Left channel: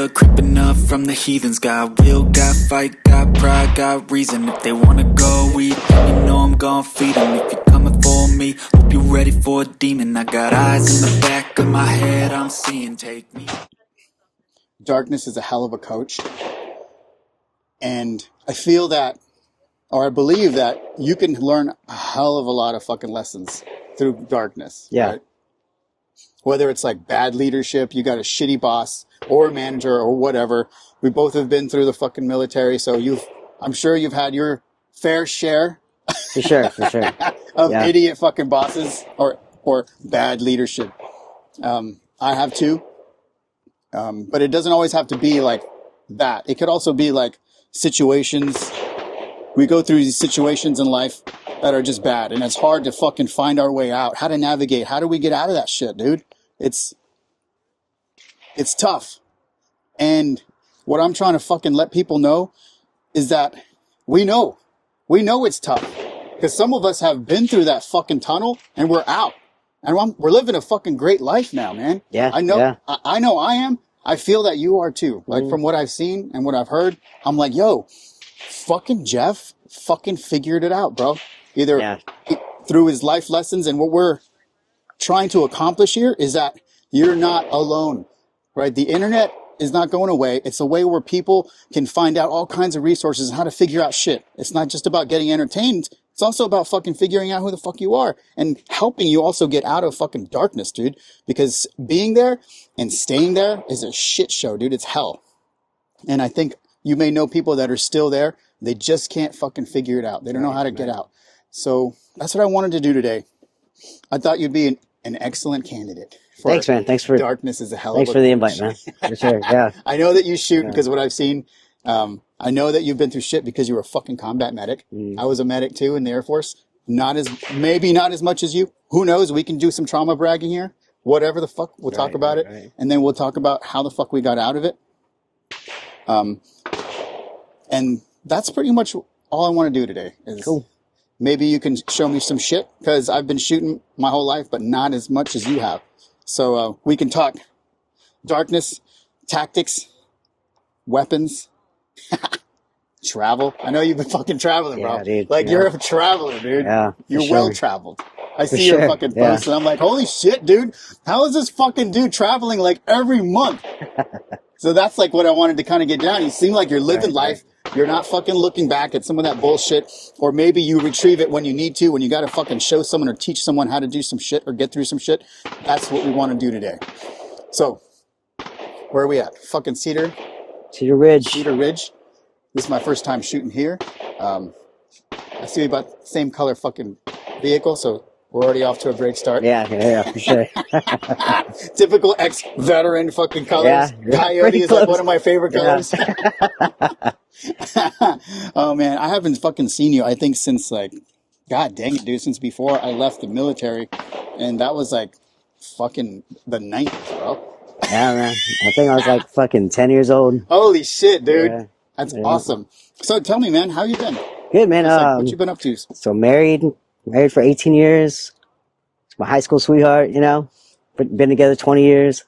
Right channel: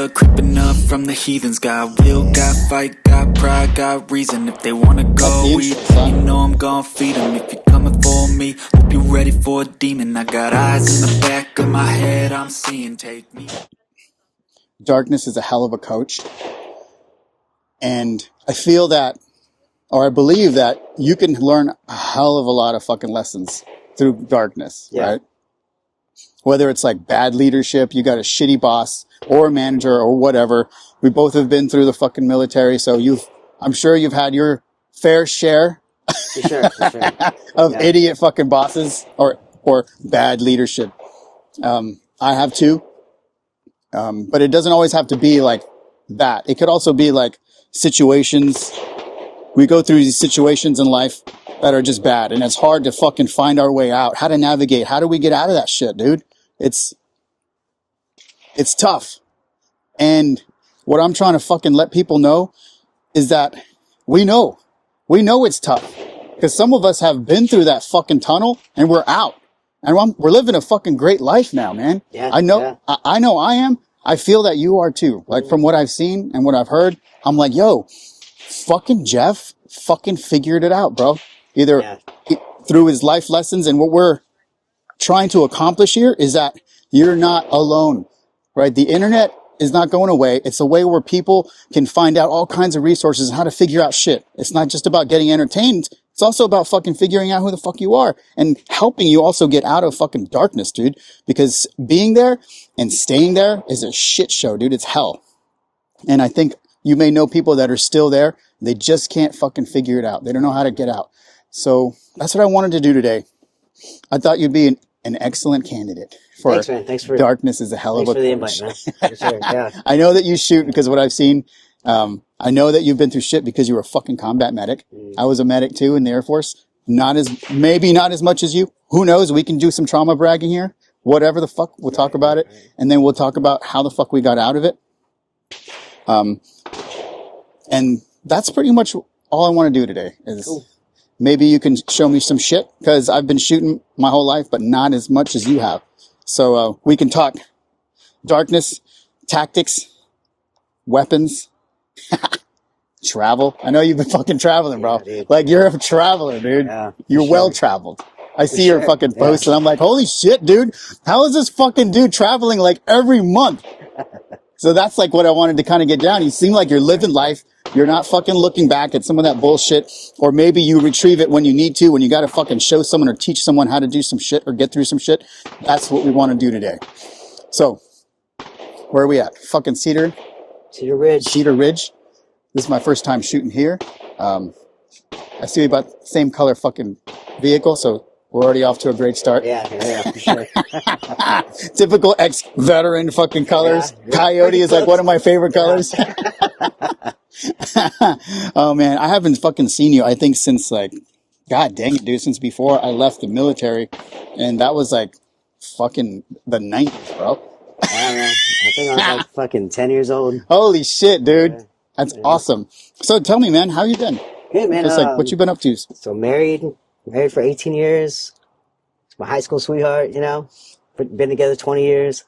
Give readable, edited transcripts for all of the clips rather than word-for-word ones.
blood creeping up from the heathens. Got will, got fight, got pride, got reason. If they wanna go eat, you know I'm gon' feed them. If you're coming for me, hope you're ready for a demon. I got eyes in the back of my head, I'm seeing, take me. Darkness is a hell of a coach. And I feel that, or I believe that you can learn a hell of a lot of fucking lessons through darkness, right? Whether it's like bad leadership, you got a shitty boss or a manager or whatever. We both have been through the fucking military, so I'm sure you've had your fair share for sure. of idiot fucking bosses or bad leadership. I have too. But it doesn't always have to be like that. It could also be like situations. We go through these situations in life that are just bad, and it's hard to fucking find our way out. How to navigate? How do we get out of that shit, dude? It's tough. And what I'm trying to fucking let people know is that we know it's tough, because some of us have been through that fucking tunnel and we're out, and we're living a fucking great life now, man. Yeah. I know. Yeah. I know I am. I feel that you are too. Like from what I've seen and what I've heard, I'm like, yo, fucking Jeff fucking figured it out, bro. Either through his life lessons, and what we're trying to accomplish here is that you're not alone, right? The internet is not going away. It's a way where people can find out all kinds of resources on how to figure out shit. It's not just about getting entertained. It's also about fucking figuring out who the fuck you are and helping you also get out of fucking darkness, dude. Because being there and staying there is a shit show, dude. It's hell. And I think you may know people that are still there. They just can't fucking figure it out. They don't know how to get out. So that's what I wanted to do today. I thought you'd be an excellent candidate. Thanks, man. Thanks for darkness is a hell of a Thanks for the invite, man. For sure. Yeah. I know that you shoot because of what I've seen. I know that you've been through shit because you were a fucking combat medic. I was a medic too in the Air Force. Maybe not as much as you. Who knows? We can do some trauma bragging here. Whatever the fuck. We'll talk about it. Right. And then we'll talk about how the fuck we got out of it. And that's pretty much all I want to do today is maybe you can show me some shit, because I've been shooting my whole life, but not as much as you have. So, we can talk darkness, tactics, weapons, travel. I know you've been fucking traveling, bro. Dude, like you're a traveler, dude. Yeah, you're well traveled. I see your fucking posts and I'm like, holy shit, dude. How is this fucking dude traveling like every month? So that's like what I wanted to kind of get down. You seem like you're living life. You're not fucking looking back at some of that bullshit. Or maybe you retrieve it when you need to, when you got to fucking show someone or teach someone how to do some shit or get through some shit. That's what we want to do today. So, where are we at? Fucking Cedar Ridge. This is my first time shooting here. I see we about the same color fucking vehicle, so we're already off to a great start. Yeah, for sure. Typical ex-veteran fucking colors. Yeah, Coyote is like one of my favorite colors. Oh man, I haven't fucking seen you, I think, since like, god dang it, dude, since before I left the military. And that was like fucking the 90s, bro. Yeah, man. I think I was like fucking 10 years old. Holy shit, dude. Yeah. That's awesome. So tell me, man, how you been? Good, man. Just like, what you been up to? So married for 18 years. It's my high school sweetheart, you know. Been together 20 years.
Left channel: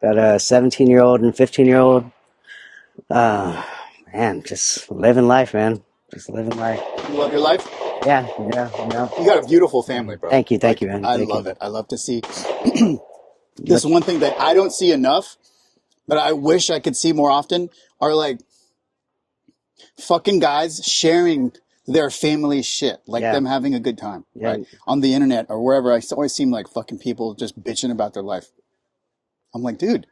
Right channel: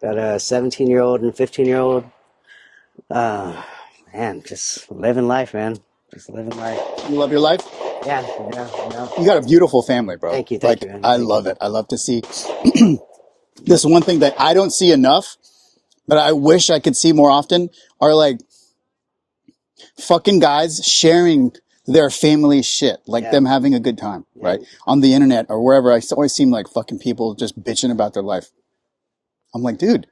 Got a 17-year-old and 15-year-old. Man, just living life, man. Just living life. You love your life? Yeah. You got a beautiful family, bro. Thank you, man. I love it. I love to see. This one thing that I don't see enough, but I wish I could see more often, are like fucking guys sharing their family shit, like them having a good time, right? On the internet or wherever. I always seem like fucking people just bitching about their life. I'm like, dude,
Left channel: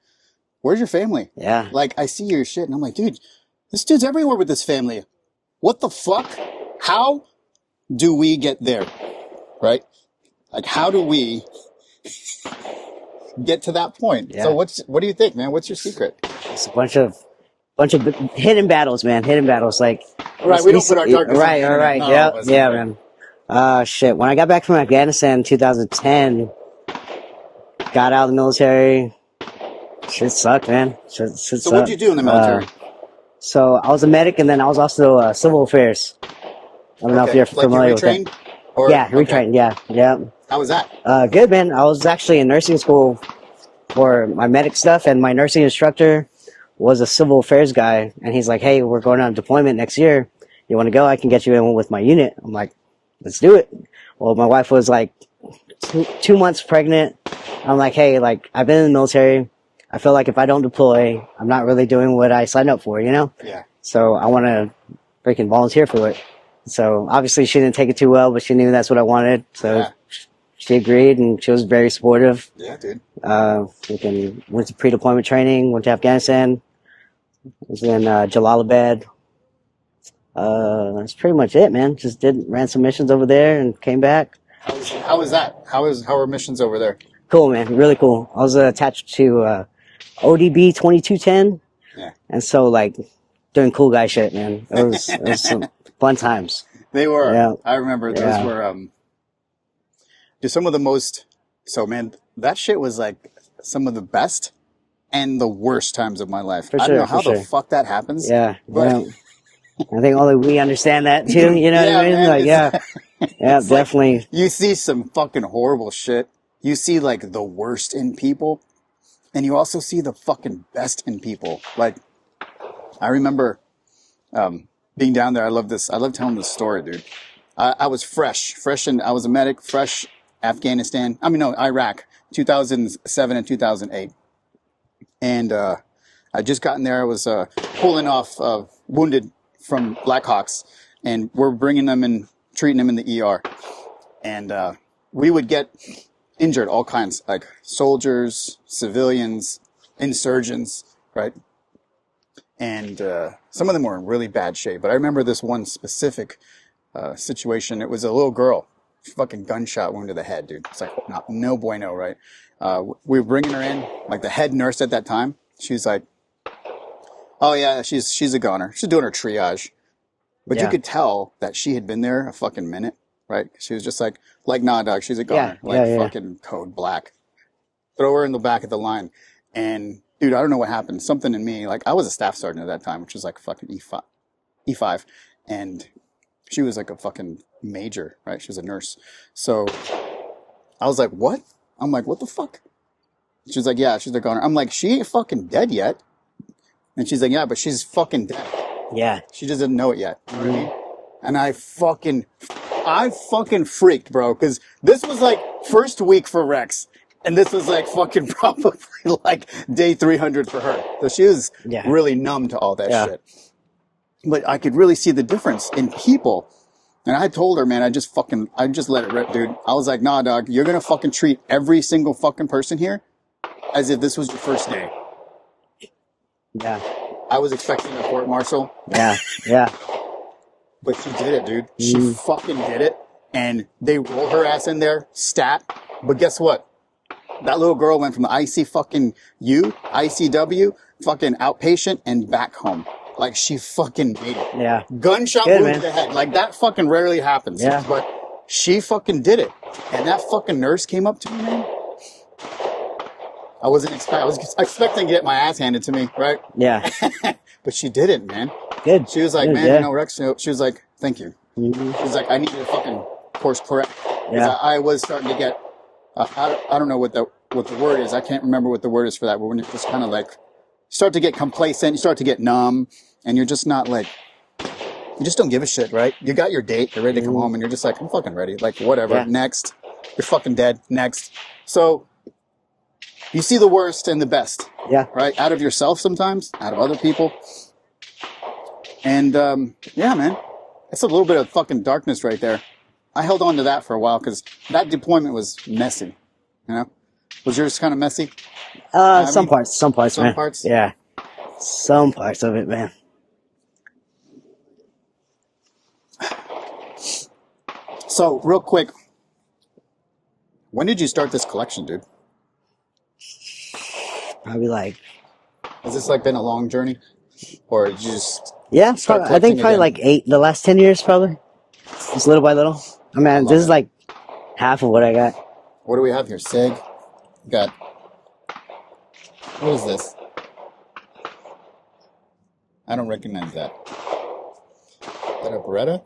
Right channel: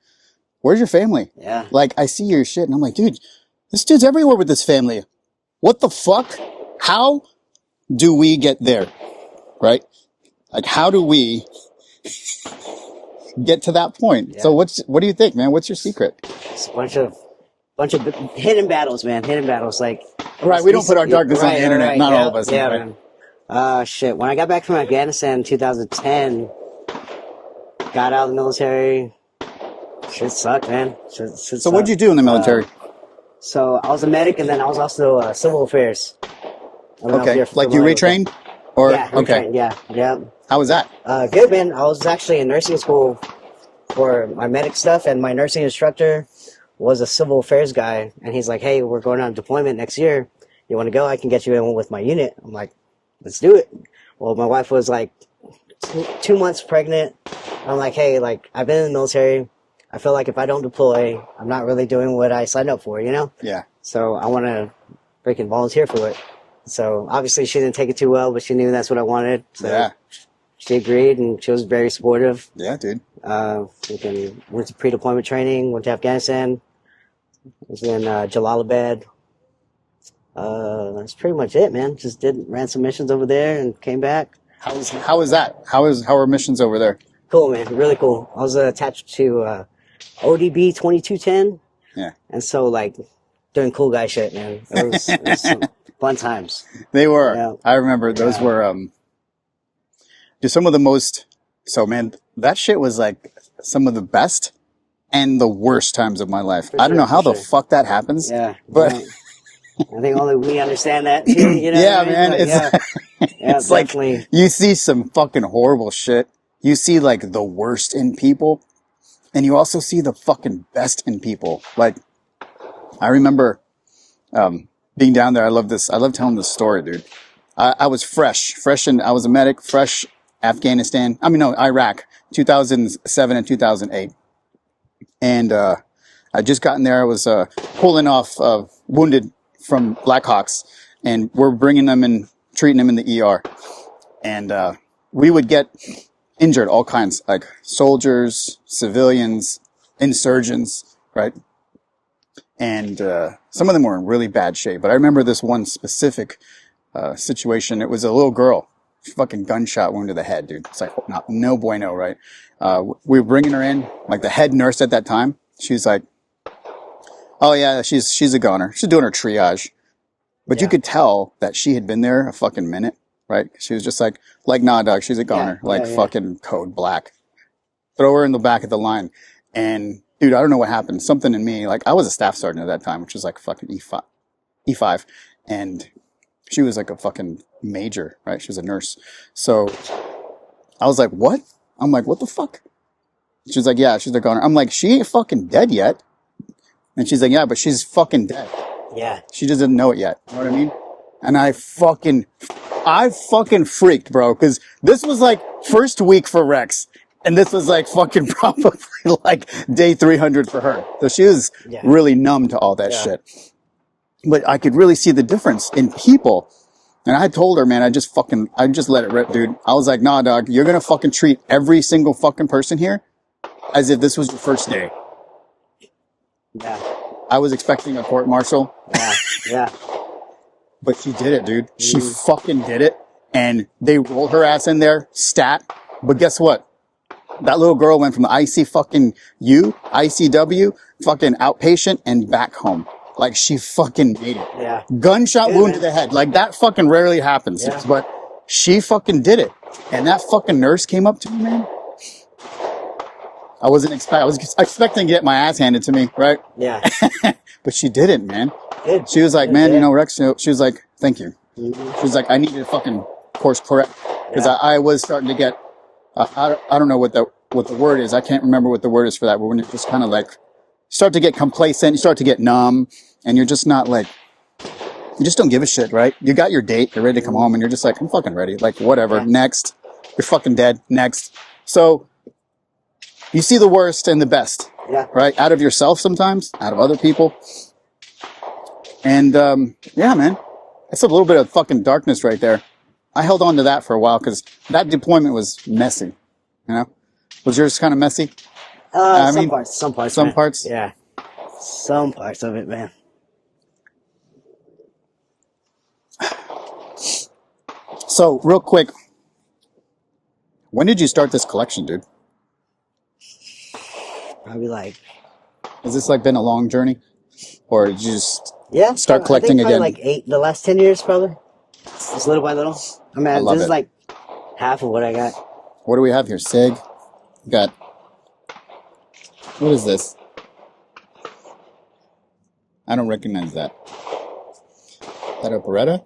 where's your family? Yeah. Like, I see your shit and I'm like, dude, this dude's everywhere with his family. What the fuck? How do we get there? Right? Like, how do we get to that point? So what do you think, man? What's your secret? It's a bunch of hidden battles, man. Hidden battles. Like, right, we don't put our darkness on the internet. Not all of us. Yeah, man. Shit. When I got back from Afghanistan in 2010, got out of the military, shit sucked, man. Shit so what'd you do in the military? So I was a medic, and then I was also civil affairs. I don't know if you're familiar like you retrained? Or retrained. Yeah. How was that? Good, man. I was actually in nursing school for my medic stuff, and my nursing instructor was a civil affairs guy, and he's like, "Hey, we're going on deployment next year. You want to go? I can get you in with my unit." I'm like, "Let's do it." Well, my wife was like 2 months pregnant. I'm like, "Hey, like I've been in the military. I feel like if I don't deploy, I'm not really doing what I signed up for, you know? Yeah. So I want to freaking volunteer for it." So obviously she didn't take it too well, but she knew that's what I wanted. So she agreed, and she was very supportive. Yeah, dude. We went to pre-deployment training, went to Afghanistan. Was in Jalalabad. That's pretty much it, man. Just ran some missions over there and came back. How is that? How are missions over there? Cool, man. Really cool. I was attached to ODB 2210. Yeah. And so, like, doing cool guy shit, man. It was some fun times. They were. Yeah. I remember those were some of the most. So, man, that shit was like some of the best and the worst times of my life. I don't know how the fuck that happens. Yeah. But I think only we understand that too. You know what I mean? Man, Like, yeah, definitely. Like, you see some fucking horrible shit. You see like the worst in people, and you also see the fucking best in people. Like, I remember being down there. I love this. I love telling this story, dude. I was fresh, and I was a medic, fresh Afghanistan. Iraq, 2007 and 2008. And I just gotten there. I was pulling off wounded from Blackhawks, and we're bringing them in, treating them in the ER. And we would get injured, all kinds, like soldiers, civilians, insurgents, right? And some of them were in really bad shape. But I remember this one specific situation. It was a little girl, fucking gunshot wound to the head, dude. It's like, no bueno, right? We were bringing her in, like the head nurse at that time. She's like, "Oh yeah, she's a goner. She's doing her triage." But you could tell that she had been there a fucking minute, right? She was just like, "Nah, dog, she's a goner." Fucking code black. Throw her in the back of the line. And dude, I don't know what happened. Something in me, like I was a staff sergeant at that time, which was like fucking E5. And she was like a fucking major, right? She was a nurse. So I was like, "What?" I'm like, "What the fuck?" She's like, "Yeah, she's a goner." I'm like, "She ain't fucking dead yet." And she's like, "Yeah, but she's fucking dead." Yeah. She just doesn't know it yet. You know what I mean? And I fucking freaked, bro. Cause this was like first week for Rex. And this was like fucking probably like day 300 for her. So she was really numb to all that shit. But I could really see the difference in people. And I told her, man, I just let it rip, dude. I was like, "Nah, dog, you're going to fucking treat every single fucking person here as if this was your first day." Yeah. I was expecting a court martial. Yeah. But she did it, dude. She fucking did it. And they rolled her ass in there, stat. But guess what? That little girl went from the ICW, fucking outpatient, and back home. Like, she fucking made it. Yeah. Gunshot wound to the head. Like, that fucking rarely happens. Yeah. But she fucking did it. And that fucking nurse came up to me, man. I was expecting to get my ass handed to me, right? Yeah. But she didn't, man. Good. She was like, Good, "Man, yeah. you know, Rex," she was like, "Thank you." Mm-hmm. She was like, "I needed to fucking course correct." Because I was starting to get, I don't know what the word is. I can't remember what the word is for that. But when you just kind of like start to get complacent, you start to get numb, and you're just not like, you just don't give a shit, right? You got your date, you're ready to come home, and you're just like, "I'm fucking ready." Like, whatever. Yeah. Next. You're fucking dead. Next. So you see the worst and the best. Yeah. Right? Out of yourself sometimes, out of other people. And, yeah, man. It's a little bit of fucking darkness right there. I held on to that for a while because that deployment was messy. You know? Was yours kind of messy? Some parts. Some man. parts? Yeah. Some parts of it, man. So, real quick. When did you start this collection, dude? Probably like... Has this like been a long journey? Or did you just start I collecting think probably again? like the last 10 years, probably. Just little by little. I mean, this is like half of what I got. What do we have here? SIG. We got... What is this? I don't recognize that. Is that a Beretta?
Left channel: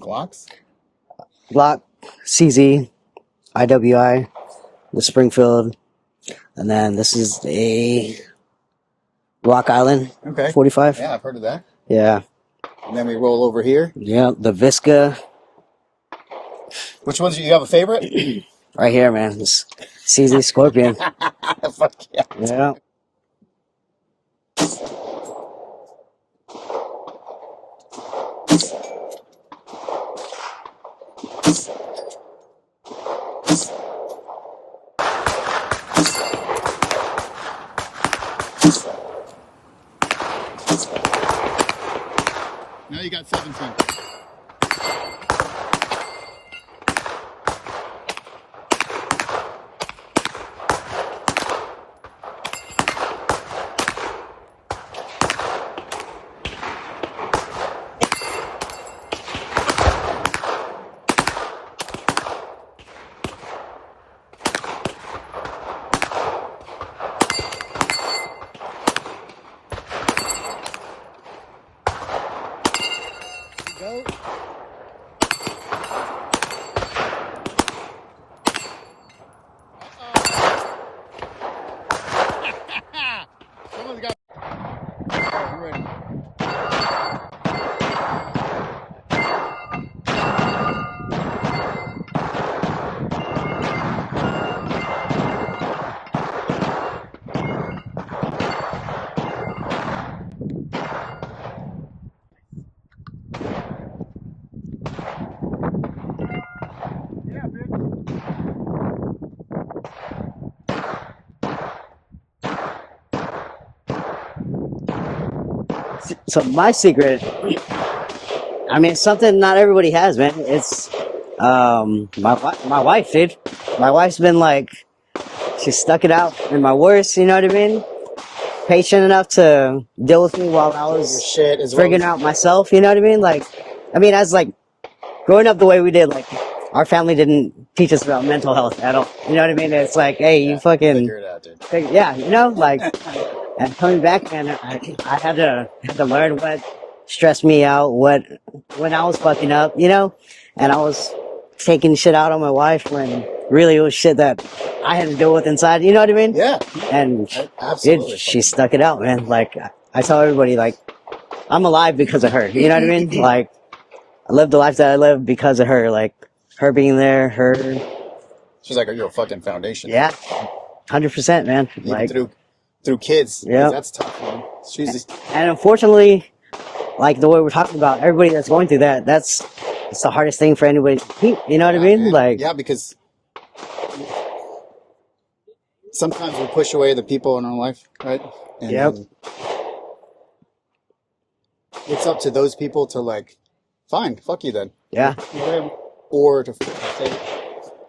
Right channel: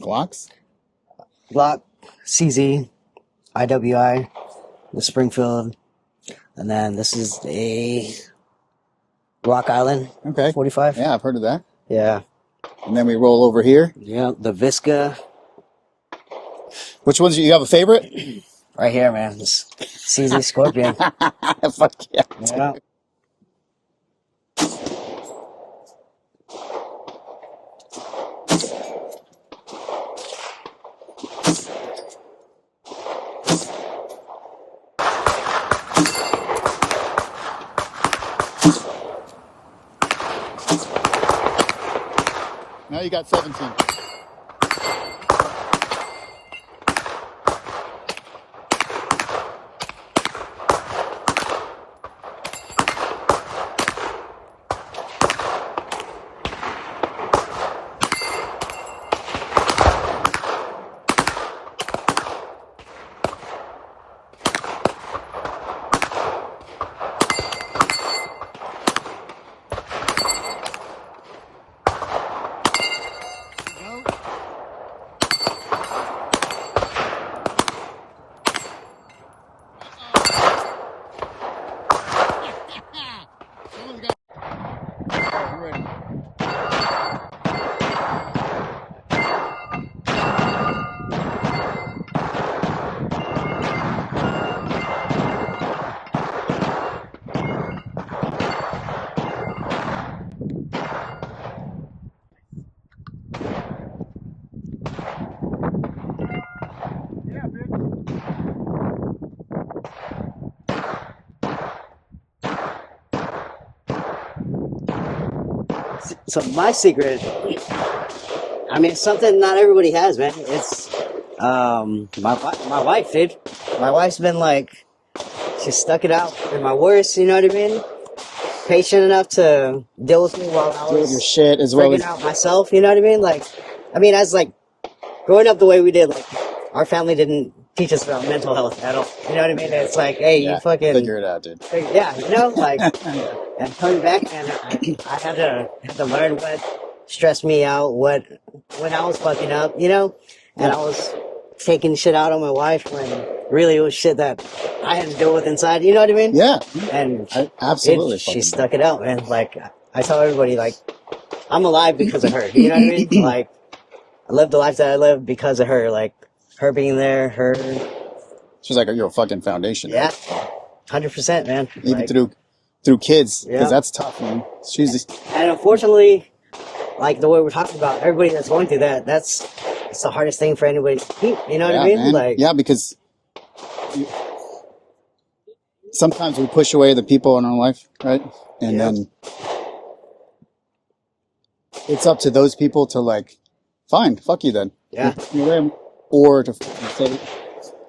Glocks? Glock, CZ, IWI, the Springfield, and then this is a Rock Island. Okay. 45. Yeah, I've heard of that. Yeah. And then we roll over here. Yeah. The Visca. Which ones do you have a favorite? Right here, man. This CZ Scorpion. Fuck yeah. Yeah. Now you got 17. So my secret, I mean, it's something not everybody has, man. It's my wife, dude. My wife's been like, she stuck it out in my worst. You know what I mean? Patient enough to deal with me while I Your was shit as well. figuring out myself. You know what I mean? Like, I mean, as like growing up the way we did, like our family didn't teach us about mental health at all. You know what I mean? It's like, hey, you fucking figure it out, dude. yeah, you know, like. And coming back, man, I had to learn what stressed me out, when I was fucking up, you know, and I was taking shit out on my wife when really it was shit that I had to deal with inside. You know what I mean? Yeah. And Absolutely. she stuck it out, man. Like I tell everybody, like I'm alive because of her. You know what I mean? Like I lived the life that I lived because of her. Like her being there, her. She's like your fucking foundation. Yeah, 100%, man. Even like, through kids, because yeah. that's tough, man. And unfortunately, like the way we're talking about, everybody that's going through that, it's the hardest thing for anybody to keep. You know what I mean? Man. Like, yeah, because sometimes we push away the people in our life, right? And then it's up to those people to like, fine, fuck you then. Yeah. Or to say,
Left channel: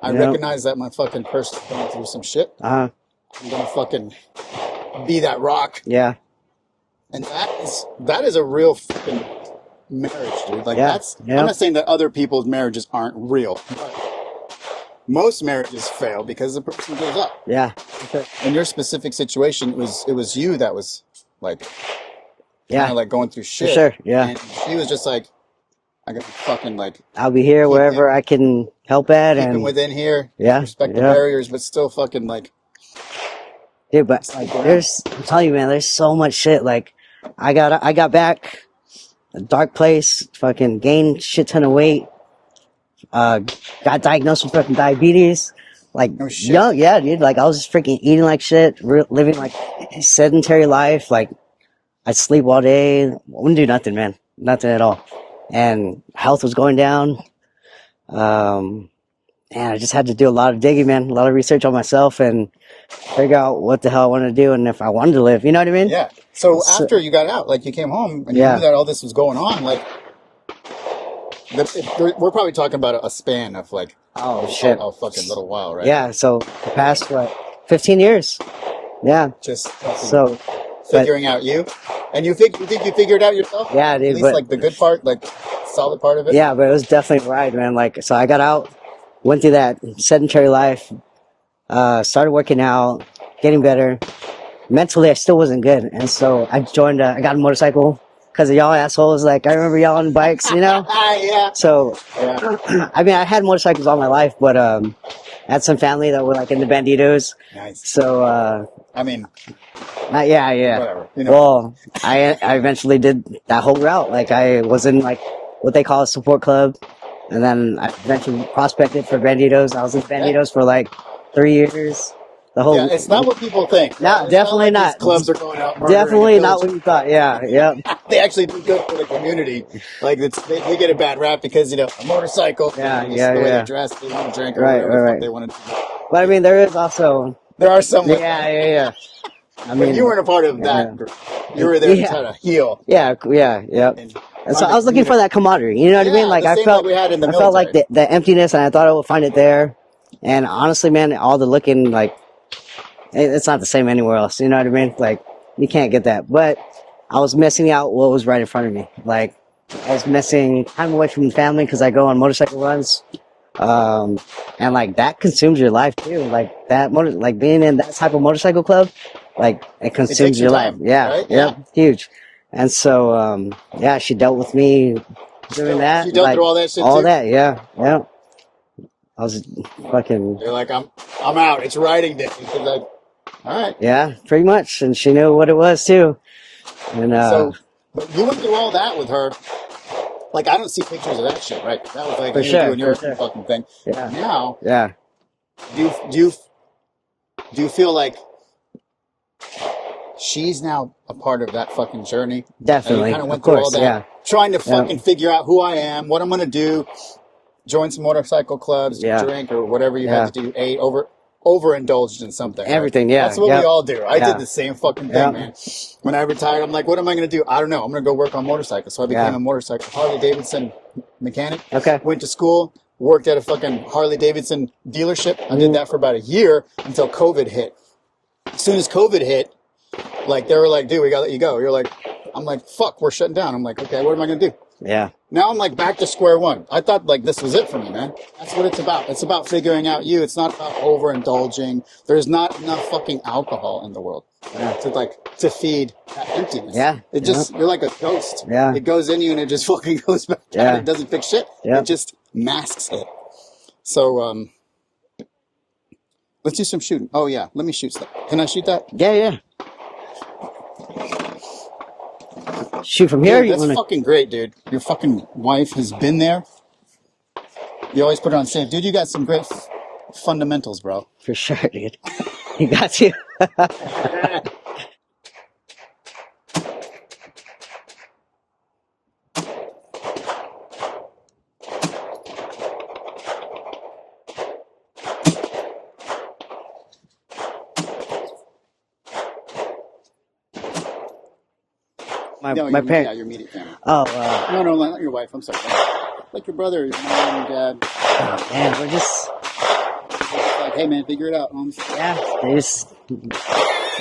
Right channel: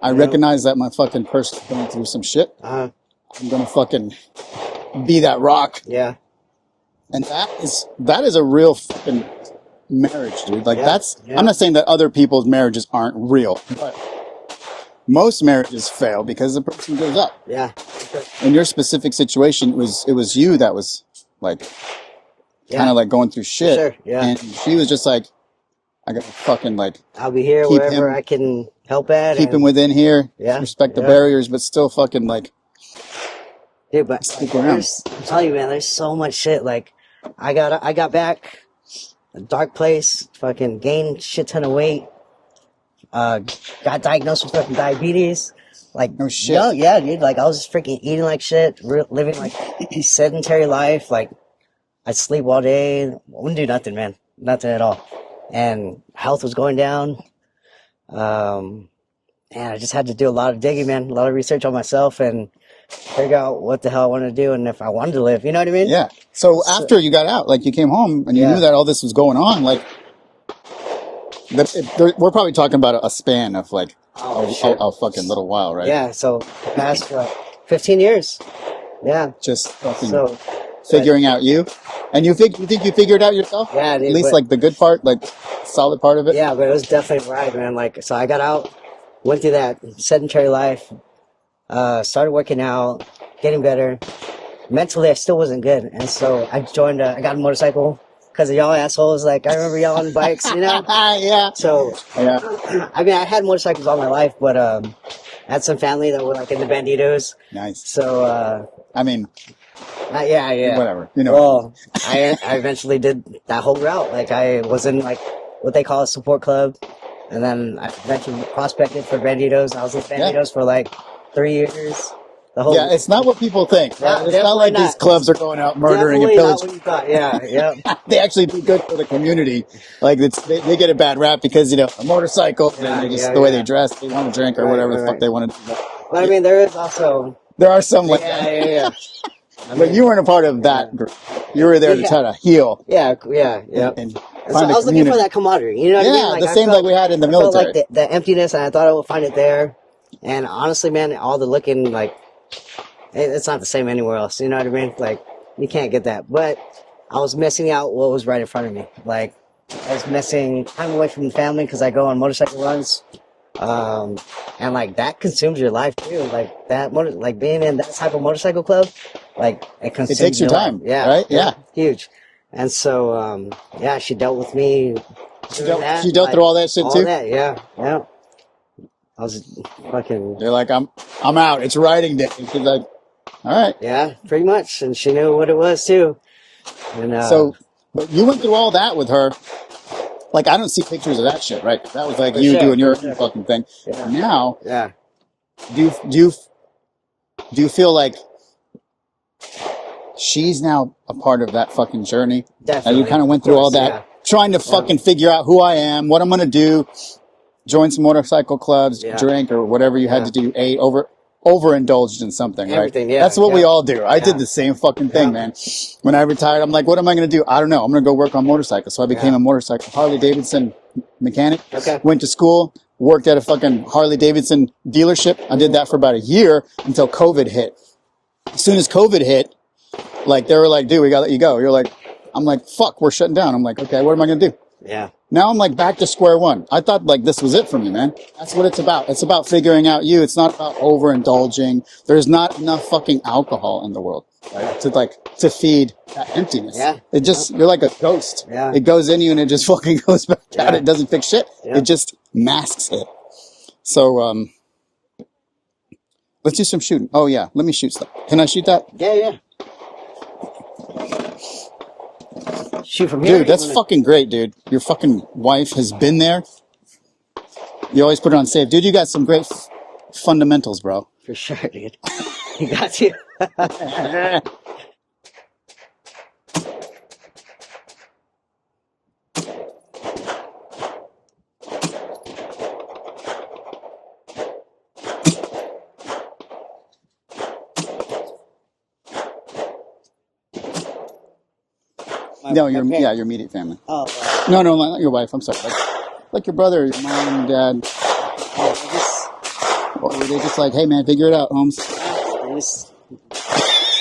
I recognize that my fucking person's going through some shit. I'm gonna fucking be that rock. Yeah. And that is a real fucking marriage, dude. Like I'm not saying that other people's marriages aren't real, but most marriages fail because the person goes up. Yeah. In your specific situation, it was you that was like kind of like going through shit. For sure. Yeah. And she was just like, I gotta fucking like I'll be here wherever I can help at. Keep him within here. Yeah. Respect the barriers, but still fucking like. Dude, but like, I'm telling you, man, there's so much shit. Like, I got back, a dark place, fucking gained shit ton of weight, got diagnosed with fucking diabetes. Like, young, yeah, dude. Like, I was just freaking eating like shit, living like sedentary life. Like, I'd sleep all day, wouldn't do nothing, man, nothing at all. And health was going down. And I just had to do a lot of digging, man, a lot of research on myself and figure out what the hell I wanted to do and if I wanted to live. You know what I mean? Yeah. So after you got out, like you came home and you knew that all this was going on, like we're probably talking about a span of like a fucking little while, right? Yeah. So the past 15 years. Yeah. Just fucking figuring out you. And you think you figured out yourself? Yeah, dude, at least like the good part, like solid part of it. Yeah, but it was definitely right, man. Like, so I got out, went through that sedentary life. Started working out, getting better. Mentally, I still wasn't good. And so I I got a motorcycle because of y'all assholes. Like, I remember y'all on bikes, you know? Yeah. So, I mean, I had motorcycles all my life, but, had some family that were like in the Banditos. Nice. So, I mean, yeah. whatever. You know. Well, I eventually did that whole route. Like I was in like what they call a support club, and then I eventually prospected for Banditos. I was in Banditos for like 3 years. The whole Yeah, it's not what people think. No, Right? It's not definitely like not. these clubs are going out murdering Definitely and not what pillaging. you thought. Yeah, yeah, They actually do good for the community. Like they get a bad rap because a motorcycle, yeah, and yeah, the way they yeah. dress, they want to drink or Right, whatever the fuck right. they want to do. But I mean, there is also There are some like yeah, that. yeah, yeah. I But mean, you weren't a part of yeah, that group. You were there to yeah, try to heal yeah, yeah, yeah. and And so find I a was looking for community. that camaraderie. You know what I mean? Yeah, Like the same like we had in the I felt like military. the emptiness, and I thought I would find it there. And honestly, man, all the looking like it's not the same anywhere else. You know what I mean? Like you can't get that. But I was missing out what was right in front of me. Like I was missing time away from the family because I go on motorcycle runs. And like that consumes your life too. Like like being in that type of motorcycle club, like it It consumes takes your your life. time, Yeah, right? yeah, Yeah. huge. And so, yeah, she dealt with me doing that. She dealt like, through all that shit all too. that, yeah, yeah. I was fucking, They're like, I'm out. It's riding day. She's like, all right. yeah, pretty much. And she knew what it was too. And, So, but you went through all that with her. Like, I don't see pictures of that shit, right? That was like For you sure, doing your for sure. fucking thing. Yeah. Now, yeah, do you feel like she's now a part of that fucking journey? And definitely. you kind of Of went through all course, that, yeah. trying to fucking figure out who I am, what I'm gonna do, join some motorcycle clubs, Yeah. drink or whatever you had Yeah. to do. Overindulged in something, Everything, right? yeah, That's what we yeah. all do. I Yeah. did the same fucking thing, Yeah. man. When I retired, I'm like, what am I going to do? I don't know. I'm going to go work on motorcycles. So I became Yeah. a motorcycle Harley Davidson mechanic. Okay. Went to school, worked at a fucking Harley Davidson dealership. I did that for about a year until COVID hit. As soon as COVID hit, like they were like, dude, we got to let you go. I'm like, fuck, we're shutting down. I'm like, okay, what am I going to do? Yeah. Now I'm like back to square one. I thought like this was it for me, man. That's what it's about. It's about figuring out you. It's not about overindulging. There's not enough fucking alcohol in the world, right? To feed that emptiness. Yeah. You're like a ghost. Yeah. It goes in you and it just fucking goes back out. Yeah. It doesn't fix shit. Yeah. It just masks it. So, let's do some shooting. Oh yeah. Let me shoot stuff. Can I shoot that? Yeah, yeah. Shoot from here. Dude, that's fucking great, dude. Your fucking wife has been there. You always put it on safe. Dude, you got some great fundamentals, bro. For sure, dude. You got to. No, my parents. yeah, your immediate family. Oh, No, not your wife. I'm sorry. Like your brother, your mom, and dad. man, we're just, Or they're just like, hey, man, figure it out, Holmes. yeah, they just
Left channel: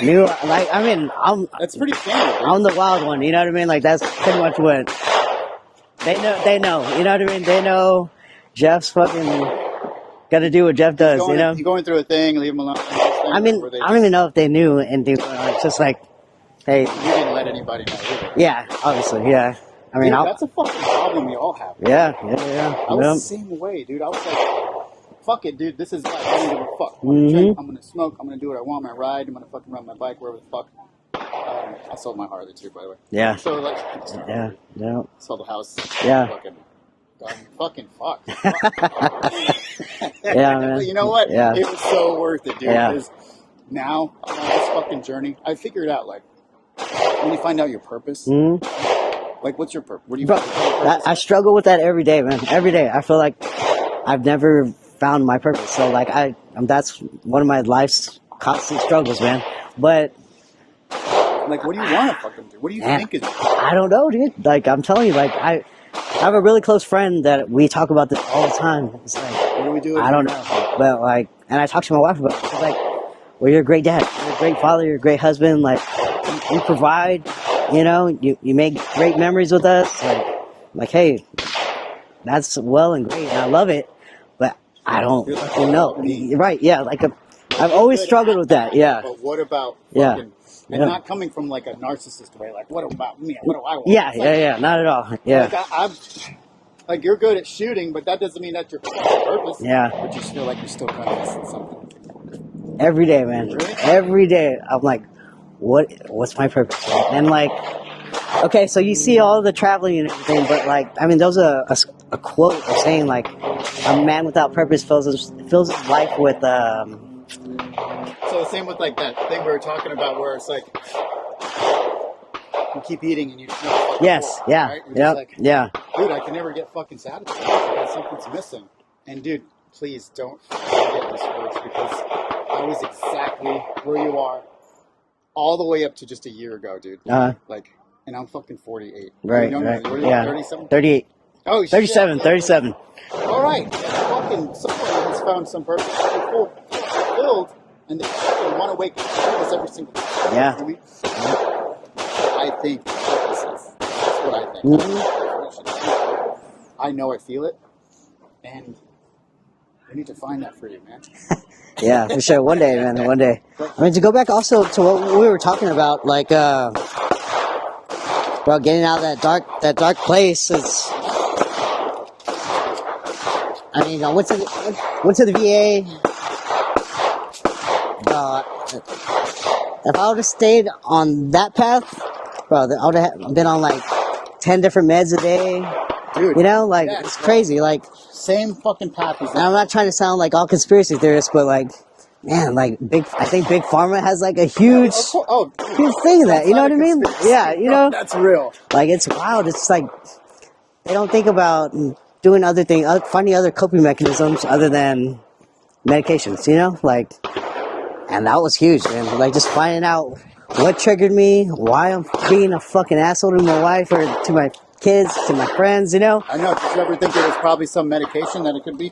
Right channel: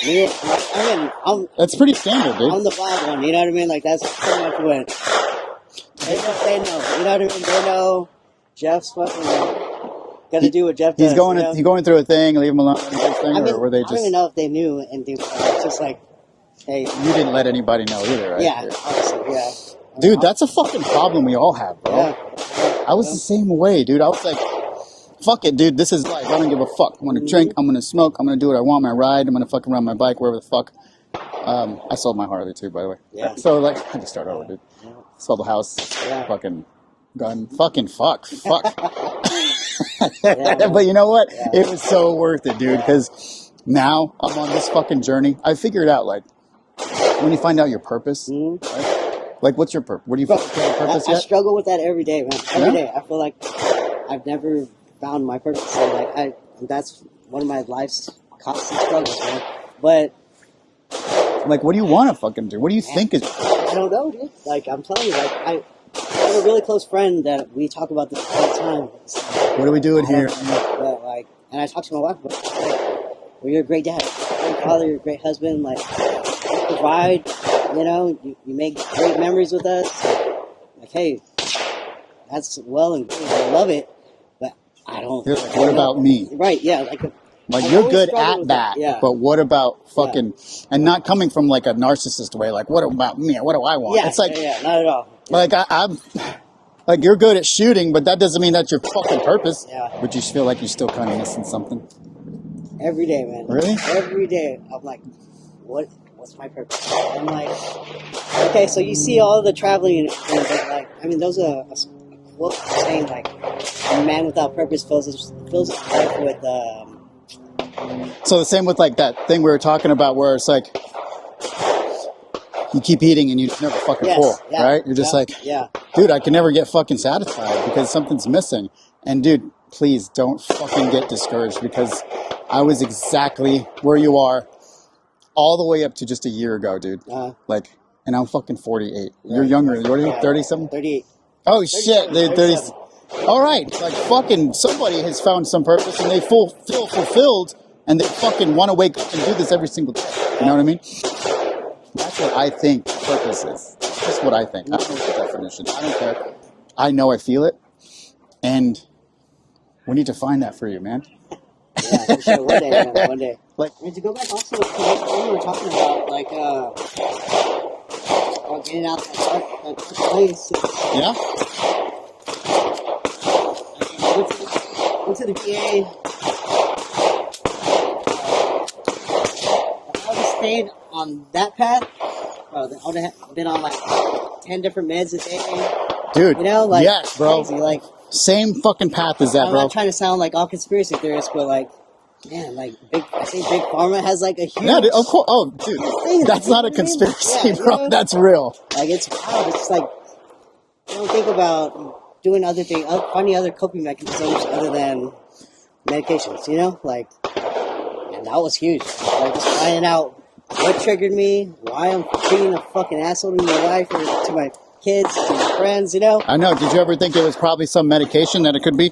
knew. Like, I mean, That's pretty standard, dude. I'm the wild one. You know what I mean? Like, that's pretty much what they know. They know. You know what I mean? They know. Jeff's fucking got to do what Jeff does. He's going through a thing, leave him alone. I mean, I don't even know if they knew, and they were just like, hey, You didn't let anybody know either, right? yeah, obviously, yeah. I mean, Dude, that's a fucking problem we all have, bro. yeah. I was the same way, dude. I was like, fuck it, dude. This is life. I don't give a fuck. I'm gonna drink. I'm gonna smoke. I'm gonna do what I want. I'm gonna ride. I'm gonna fucking ride my bike wherever the fuck. I sold my Harley too, by the way. Yeah. So like, I can start over. Yeah, Dude. yeah. Sold the house. Yeah. Fucking gun. Fucking fuck. Fuck. Yeah, man. But you know what? Yeah. It was so worth it, dude. Yeah. Because now I'm on this fucking journey. I figured out like when you find out your purpose. Like, what's your purpose? What do you? I struggle with that every day, man. Every day. I feel like I've never found my purpose. So like that's one of my life's constant struggles, man. But Like, what do you want to fucking do? What do you think is? I don't know, dude. Like I'm telling you, like I have a really close friend that we talk about this all the time. It's like, What are we doing I don't here? know. But like, and I talk to my wife about it. She's like, well, you're a great dad. You're a great father. You're a great husband. Like, you provide, you know, you make great memories with us. And I'm like, hey, that's well and great. I love it. But I don't Here's what know. about me? Right, yeah. Like, I've You're always good struggled at with that. Yeah. But what about Yeah. fucking and Yeah. not coming from like a narcissist way? Like, what about me? What do I want? Yeah, It's like, yeah, not at all. Yeah. like Like, you're good at shooting, but that doesn't mean that's your fucking purpose. Yeah. But you feel like you're still kind of missing something. Every day, man. Really? Every day. I'm like, what's my purpose? And like, okay, so you see all the traveling and everything, but like, I mean, there's a quote saying like, a man without purpose fills his life with, So the same with like that thing we were talking about where it's like, you keep eating and you never fucking full, right? You're just like, dude, I can never get fucking satisfied because something's missing. And dude, please don't fucking get discouraged, because I was exactly where you are all the way up to just a year ago, dude. Like, and I'm fucking 48. Right, You're younger. right. What are you, Yeah. 37? 38. Oh, 37, shit. 37. All right. Like, fucking somebody has found some purpose and they feel fulfilled and they fucking want to wake up and do this every single day. You know what I mean? That's what I think purpose is. That's what I think. That's the definition. I know I feel it. And we need to find that for you, man. Yeah, for sure. One day, man. One day. I mean, to go back also to what we were talking about, like, about getting out of that dark place. It's, I mean, I went to the VA. If I would have stayed on that path, bro, I would have been on like 10 different meds a day. Dude. You know, like, yes, it's bro. crazy. Like, same fucking path as that, I'm bro. not trying to sound like all conspiracy theorists, but like, man, like I think Big Pharma has like a huge, dude, huge thing in that. That's You know not what a I mean? conspiracy, Yeah, bro. you know, That's real. like, it's wild. It's like they don't think about doing other things, finding other coping mechanisms other than medications. You know, like, and that was huge, man. Like, just finding out what triggered me, why I'm being a fucking asshole to my wife or to my kids, to my friends, you know? I know. Did you ever think there was probably some medication that it could be?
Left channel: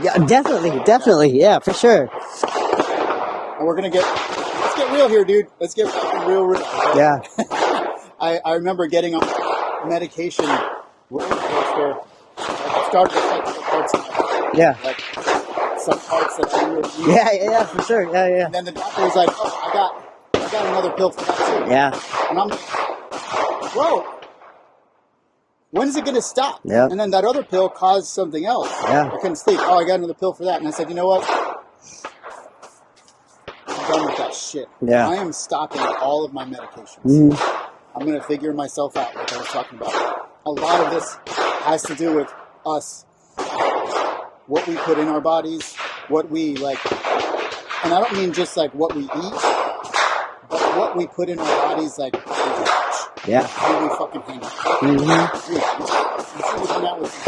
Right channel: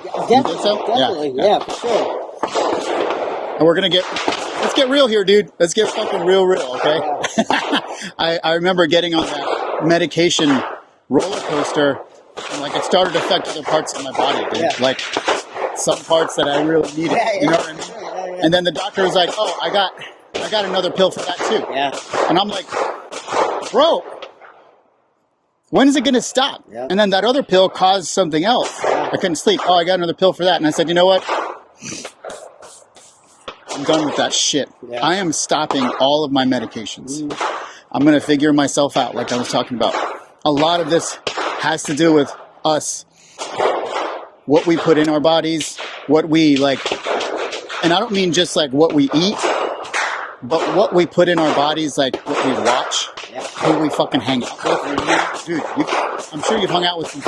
Yeah, definitely. Yeah, for sure. And we're going to let's get real here, dude. Let's get fucking real, okay? Yeah. I remember getting on that medication roller coaster, and like it started to affect other parts of my body. Dude. Yeah. Like some parts that I really needed. Yeah, for sure. Yeah. And then the doctor was like, oh, I got another pill for that too. Yeah. And I'm like, bro, when is it going to stop? Yep. And then that other pill caused something else. Yeah. I couldn't sleep. Oh, I got another pill for that. And I said, you know what? I'm done with that shit. Yeah. I am stopping all of my medications. I'm going to figure myself out, like I was talking about. A lot of this has to do with us, what we put in our bodies, what we like, and I don't mean just like what we eat, but what we put in our bodies, like what we watch, who we fucking hang out with. Dude, I'm sure you've hung out with some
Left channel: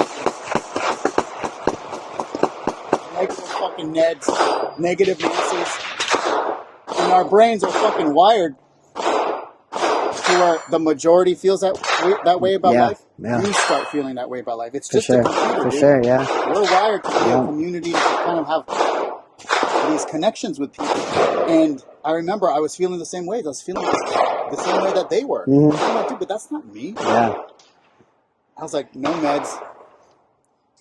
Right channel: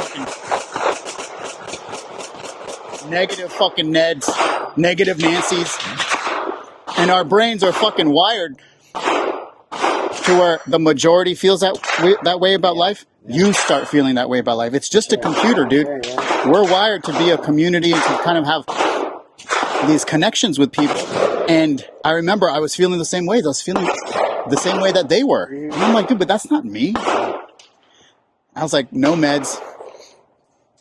fucking negative fucking Neds, negative Nancys, and our brains are fucking wired to where the majority feels that way about life. Yeah. You start feeling that way about life. It's just a computer, dude. Sure, yeah. We're wired to be a community and to kind of have these connections with people. And I remember I was feeling the same way. I was feeling the same way that they were. And I'm like, dude, but that's not me. Yeah. I was like, no meds.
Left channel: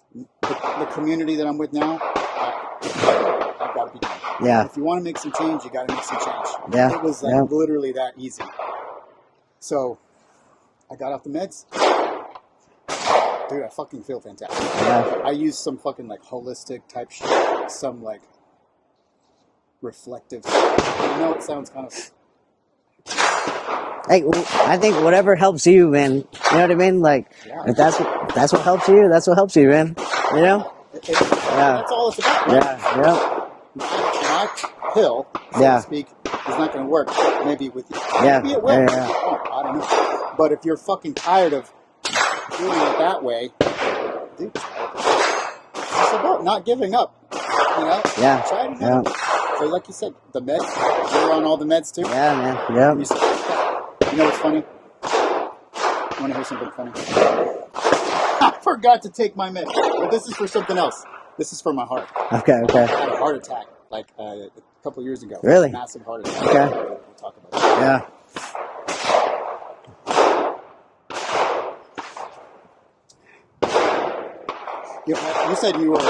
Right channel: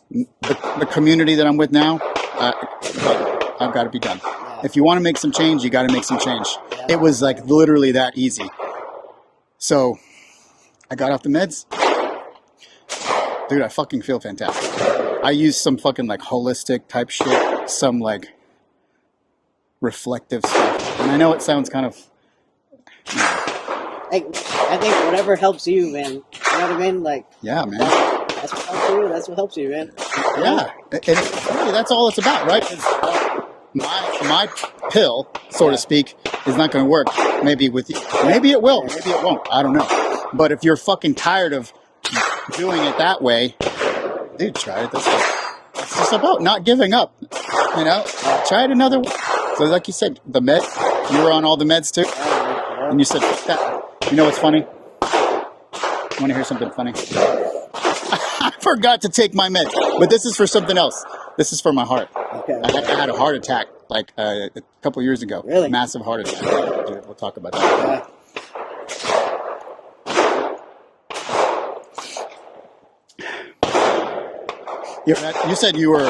The community that I'm with now, I've got to be done. Yeah. If you want to make some change, you got to make some change. Yeah. It was like literally that easy. So I got off the meds. Dude, I fucking feel fantastic. Yeah. I use some fucking like holistic type shit, some like reflective stuff. And I know it sounds kind of... Hey, I think whatever helps you, man. You know what I mean? Like, Yeah, if man. that's what helps you, that's what helps you, man. You know? That's all it's about, right? Yeah. My pill, so to speak, is not going to work. Maybe with you. Maybe it will. Maybe it won't. I don't know. But if you're fucking tired of doing it that way, dude, try it this way. It's just about not giving up. You know? Yeah. Try it another way. So like you said, the med, you were on all the meds too? Yeah. And you said, you know what's funny? Want to hear something funny? I forgot to take my meds. But this is for something else. This is for my heart. Okay. I had a heart attack like a couple years ago. Really? Massive heart attack. Okay. We'll talk about that. Yeah. You said you were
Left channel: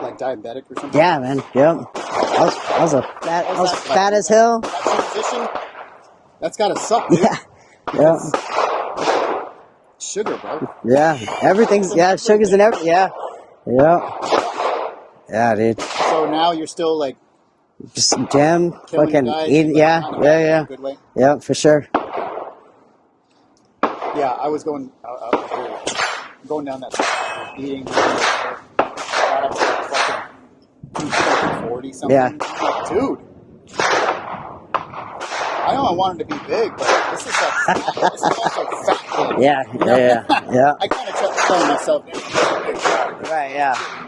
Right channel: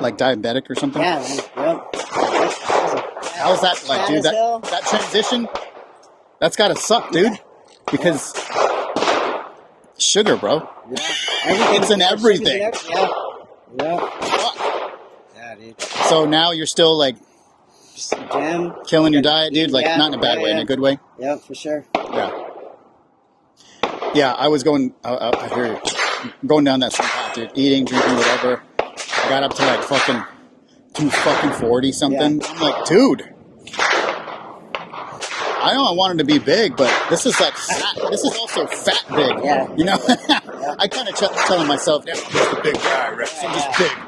like diabetic or something? Yeah, man. Yep. That was fat dude? as hell. That transition, that's got to suck, dude. Because sugar, bro. Yeah, everything. It's in Yeah, everything. sugar's in everything. Yeah, yeah, yeah, dude. So now you're still like Just gym, killing your fucking diet, eat, dude. Like yeah, not in a bad way, in yeah, a good way. yeah, for sure. Yeah. Yeah, I was going. I hear you. Going down that path, dude. Eating, drinking, whatever. I got up to like fucking 240 something. Yeah. I'm like, dude. I know I wanted to be big, but this is like fat. This is also fat big. Yeah, You know? yeah. I kind of kept telling myself, "Now I'm just a big guy, right? Right, I'm yeah. just big."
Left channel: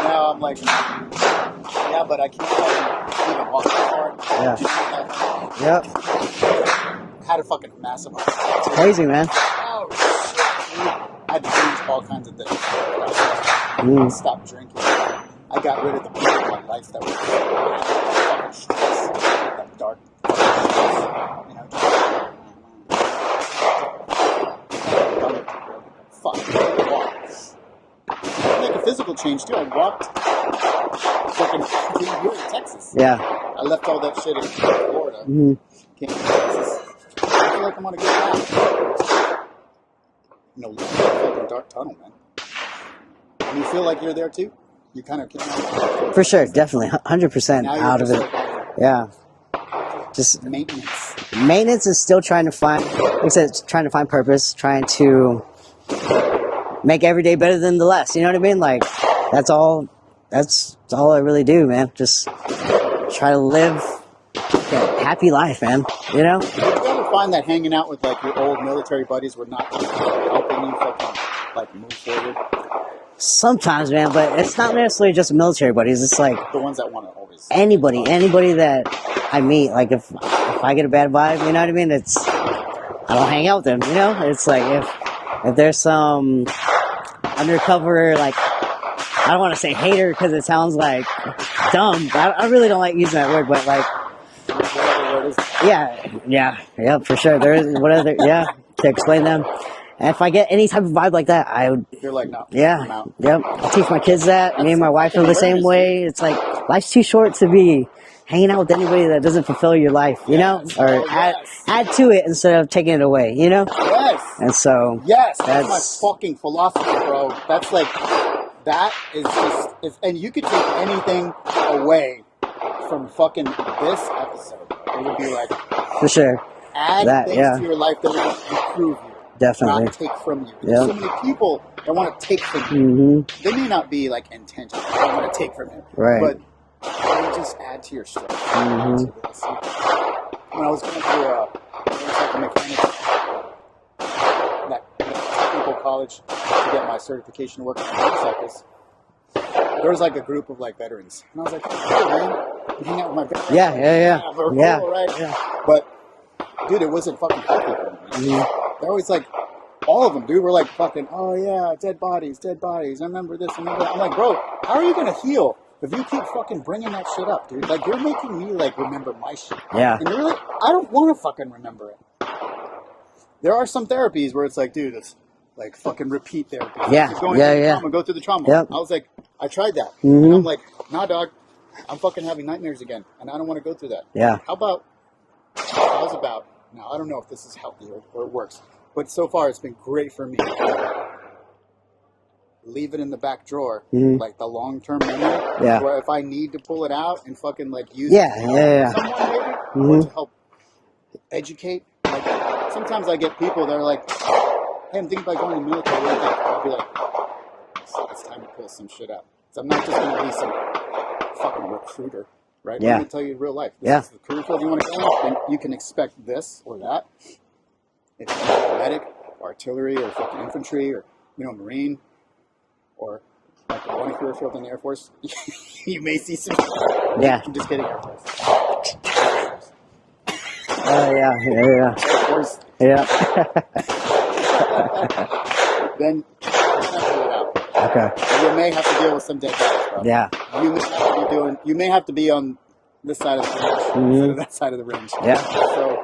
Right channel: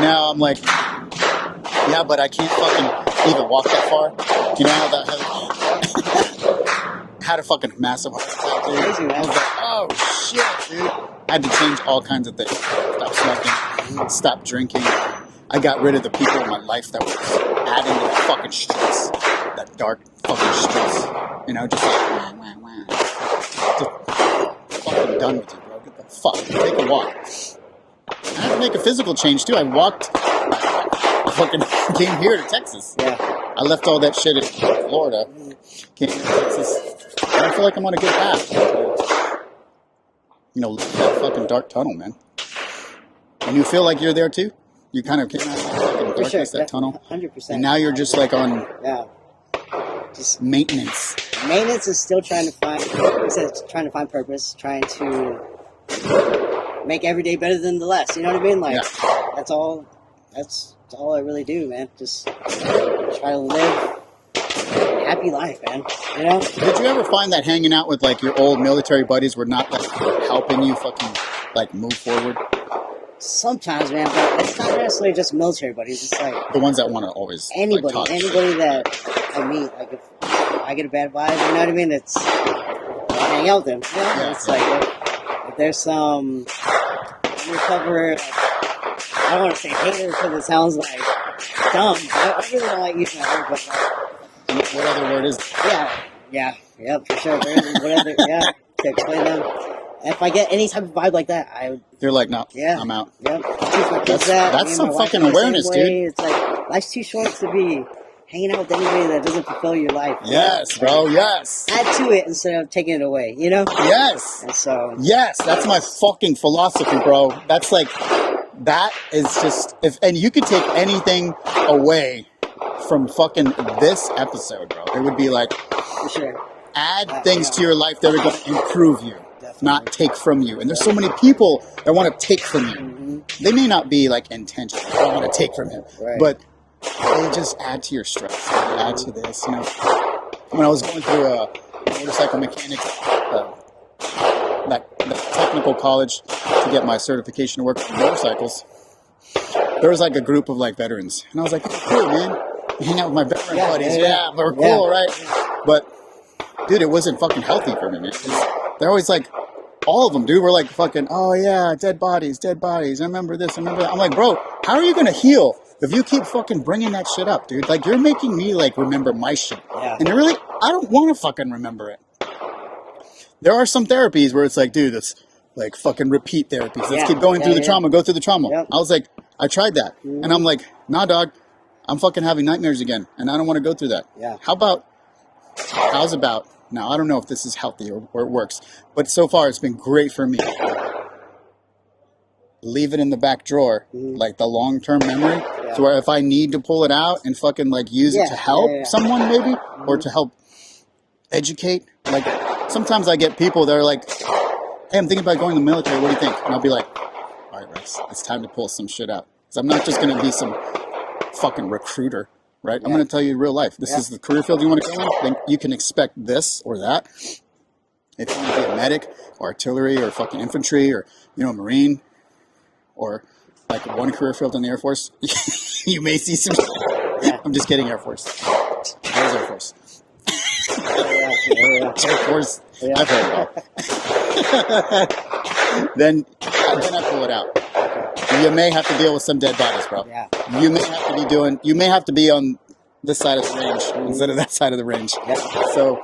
Now I'm like, yeah, but I can't fucking even walk that far. Yeah. Do you know how that? Yep. Had a fucking massive. Crazy, man. Oh shit, man. I had to change all kinds of things. Stop smoking, stop drinking. I got rid of the people in my life that were adding the fucking stress, that dark fucking stress. You know, just like, just fucking done with it, bro. Get the fuck, take a walk. I make a physical change too. I fucking came here to Texas. Yeah. I left all that shit in Florida. Came to Texas. I feel like I'm on a good path. You know, that fucking dark tunnel, man. And you feel like you're there too? You kind of For sure, definitely, 100%. And now you're just like on just maintenance. Maintenance is still trying to find, like I said, trying to find purpose, trying to make every day better than the last. You know what I mean? Like that's all I really do, man. Just try to live a happy life, man. You know? Did you ever find that hanging out with like your old military buddies were not like helping you fucking like move forward? Sometimes, man, but it's not necessarily just military buddies. It's like the ones that want to always anybody like, that I meet. Like if I get a bad vibe, you know what I mean? It's I'll hang out with them. You know, it's like if there's some undercover, like I don't want to say hater because it sounds like dumb. I really don't like using that word, but like what other word is? Yeah, for sure. There is whatever. Yeah, to explain them. And if I get any type of vibe like that, I would. You're like, no, I'm out. Yep. I teach my kids that. Me and my wife are the same way. Dude. It's like life's too short to be hanging out with anybody that doesn't fulfill your life. You know? Bro, yes. Add to it instead of taking it away. You know? Yes. And so. Yes, that's my fucking philosophy, bro. That's like, that is just and you could take anything away from fucking this episode, bro. It would be like, for sure, add things to your life that are going to improve you. Definitely. Not take from you. And there's so many people that want to take from you. They may not be like intentional. They don't want to take from you. Right. But they just add to your stress. Add to this. You know, when I was going through a motorcycle mechanic, that technical college to get my certification to work with motorcycles, there was like a group of like veterans. And I was like, oh, cool, man. Hang out with my veteran buddies. We're cool, right? Yeah. But, dude, it wasn't fucking healthy for me, man. They're always like, all of them, dude, were like fucking, oh yeah, dead bodies. I remember this, I remember that. I'm like, bro, how are you going to heal if you keep fucking bringing that shit up, dude? Like, you're making me like remember my shit. Yeah. And really, I don't want to fucking remember it. There are some therapies where it's like, dude, it's like fucking repeat therapy. Let's keep going through the trauma, go through the trauma. Yep. I was like, I tried that. And I'm like, nah, dog, I'm fucking having nightmares again. And I don't want to go through that. Yeah. How's about, now I don't know if this is healthy or it works, but so far it's been great for me. Leave it in the back drawer, like the long-term memory, to where if I need to pull it out and fucking like use it to help someone maybe, or to help educate. Like sometimes I get people that are like, hey, I'm thinking about going to the military, what do you think? And I'll be like, all right, Rex, it's time to pull some shit out. So I'm not just going to be some fucking recruiter, right? I'm going to tell you real life. This is the career field you want to go in, then you can expect this or that. If you want to be a medic or artillery or fucking infantry or, you know, Marine or like one career field in the Air Force, you may see some. Yeah. I'm just kidding, Air Force. Air Force. Oh yeah. Then I pull it out. Okay. You may have to deal with some dead bodies, bro. Yeah. You may have to be on this side of the range instead of that side of the range. Yeah. So,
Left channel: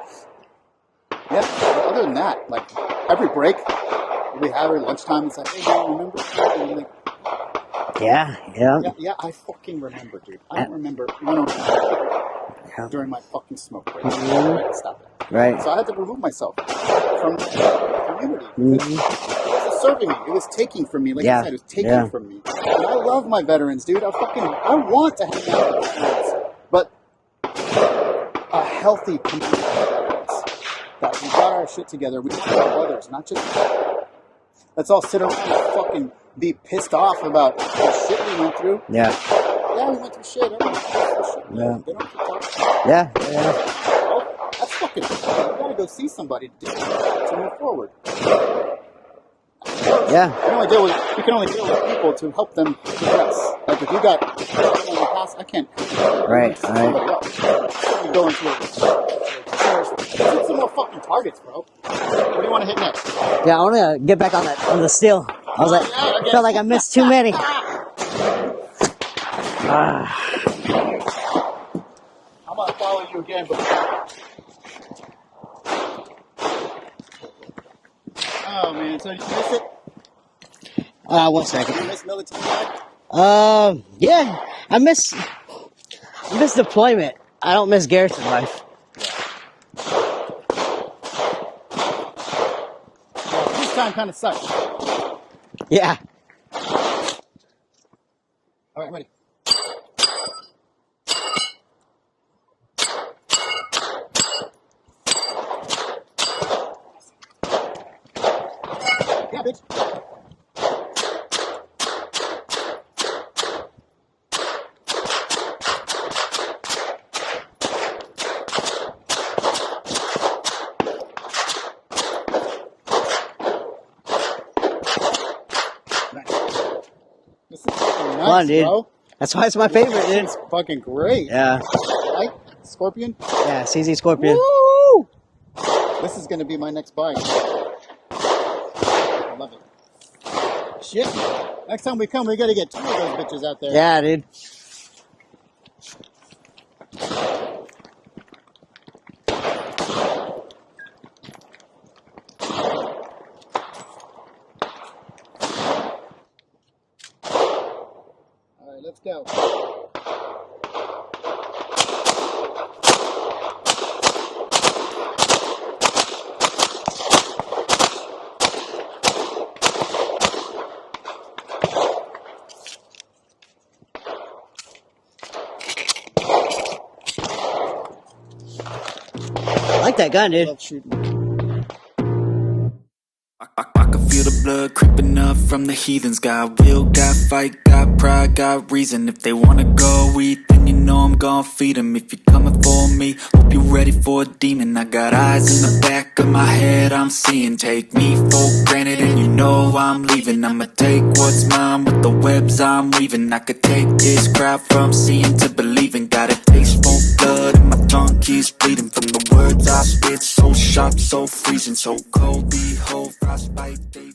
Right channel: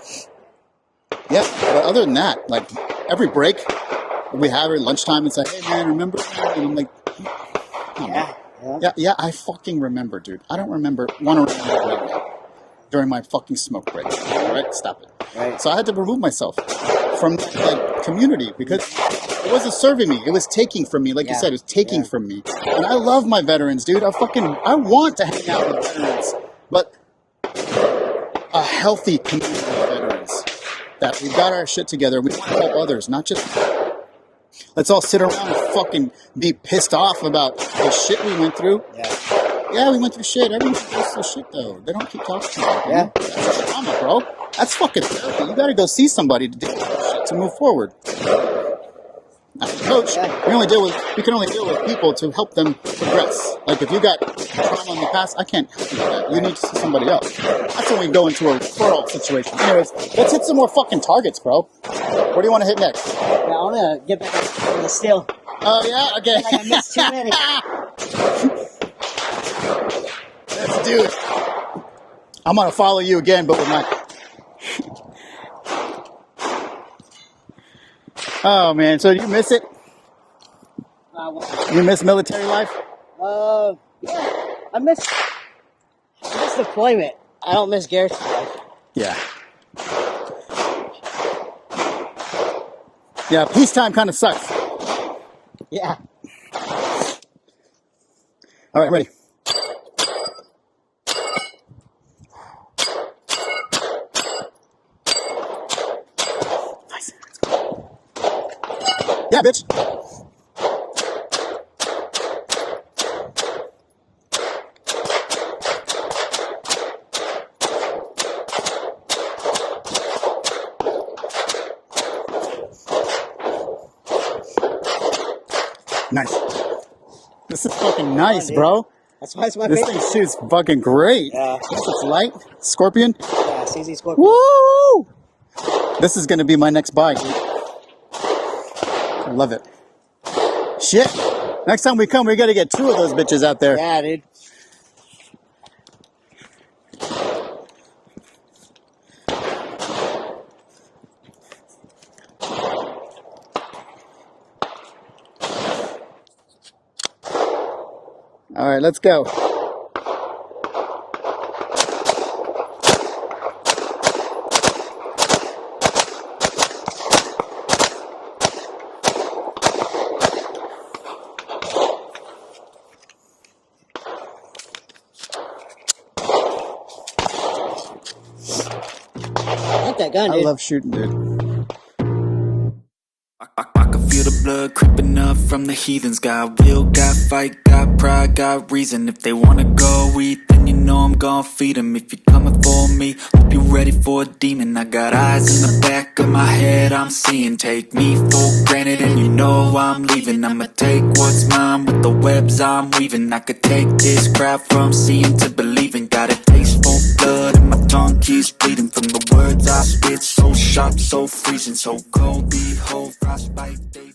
yeah. But other than that, like every break we have at lunchtime, it's like, hey man, remember? And I'm like, yeah. I fucking remember, dude. I don't want to remember right away. during my fucking smoke break. Right? Stop it. Right. So I had to remove myself from the community because it wasn't serving me. It was taking from me. Like you said, it was taking from me. And I love my veterans, dude. I want to hang out with veterans. But a healthy community of veterans. That we got our shit together. We help others, not just... Let's all sit around and fucking be pissed off about the shit we went through. Yeah. Yeah, we went through shit. Everyone goes through shit, though. They don't keep talking about it. Yeah. That's trauma, bro. That's fucking... You gotta go see somebody to move forward. Coach, you can only deal with people to help them progress. Like, if you got trauma in the past, I can't help you with that. You need to see somebody else. That's when we go into a referral situation. Anyways, let's hit some more fucking targets, bro. What do you want to hit next? Yeah, I want to get back on the steel. I felt like I missed too many. Dude, I'm gonna follow you again, but with my... Oh man, so do you miss it? 1 second. You miss military life? Yeah, I miss deployment. I don't miss Garrett's life. Yeah. Yeah, peacetime kind of sucks. Yeah. All right, ready. Nice. Yeah, bitch. Nice. This is fucking nice, fun, bro. That's why it's my favorite. This is fucking great. Yeah. It's light. Scorpion. Yeah, CZ Scorpion. Woo! This is gonna be my next buy. I love it. Shit. Next time we come, we're gonna get 2 of those bitches out there. Yeah, dude. All right, let's go. I like that gun, dude. I love shooting, dude. I can feel the blood creeping up from the heathens. Got will, got fight, got pride, got reason. If they wanna go eat, then you know I'm gon' feed them. If you're coming for me, hope you're ready for a demon. I got eyes in the back of my head, I'm seeing. Take me for granted and you know I'm leaving. I'ma take what's mine with the webs I'm weaving. I could take this crowd from seeing to believing. Got a taste for blood and my tongue keeps bleeding. From the words I spit, so sharp, so freezing, so cold. Behold, frostbite days.